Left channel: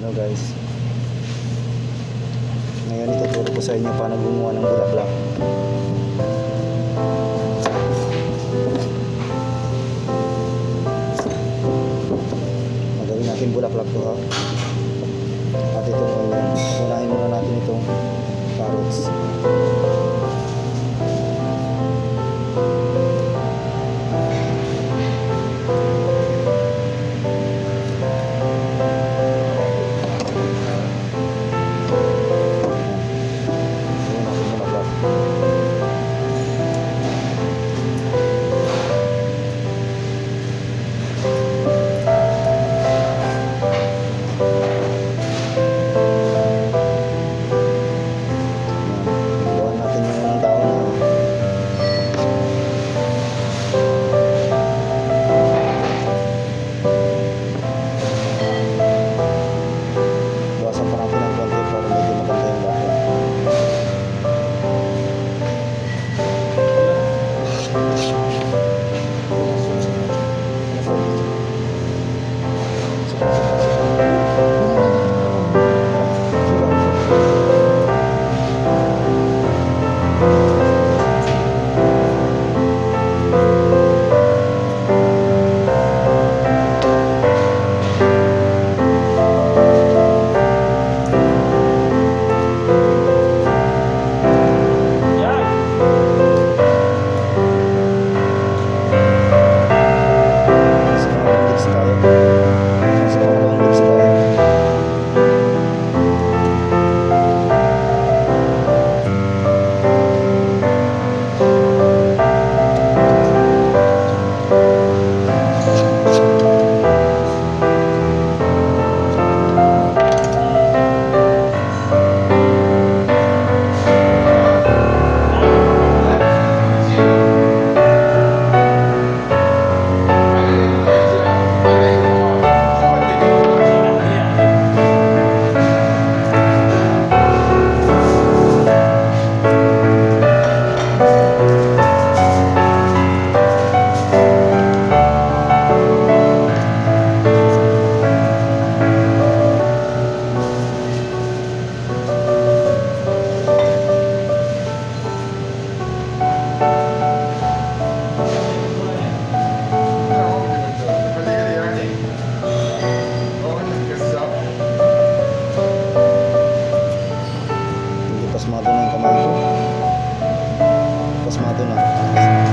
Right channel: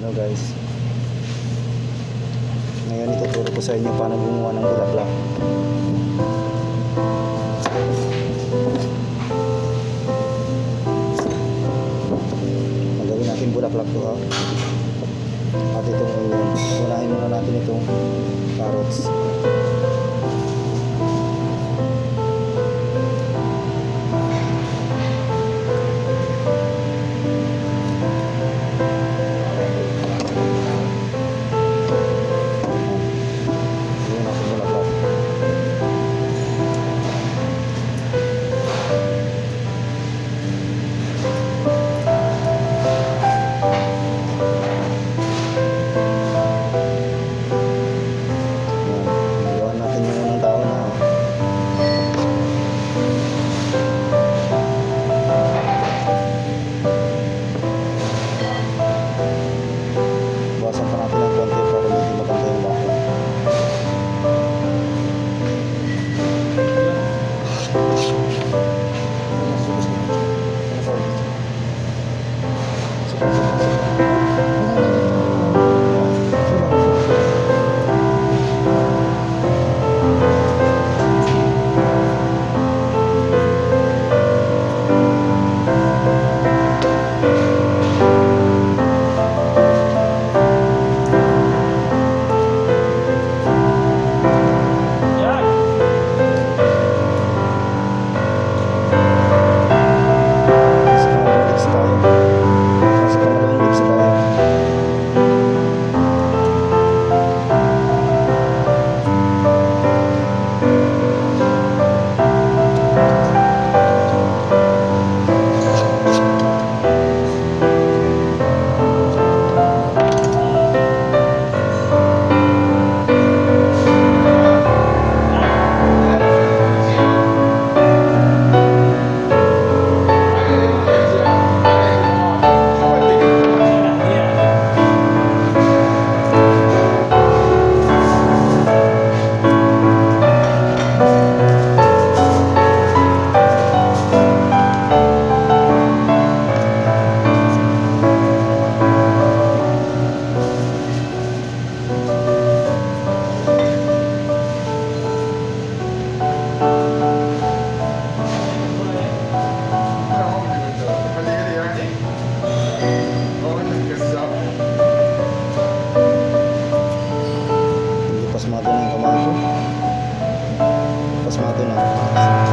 Hello guys, ngayon ituturo ko sa inyo paano gumawa ng bulaklak. Magawin natin bulaklak to ha. At itong onion, unahin muna natin itong carrots. Bawasan pa natin ng konti para medyo maganda yung bako. Pasmado na yung kamay ko. Pasmado na.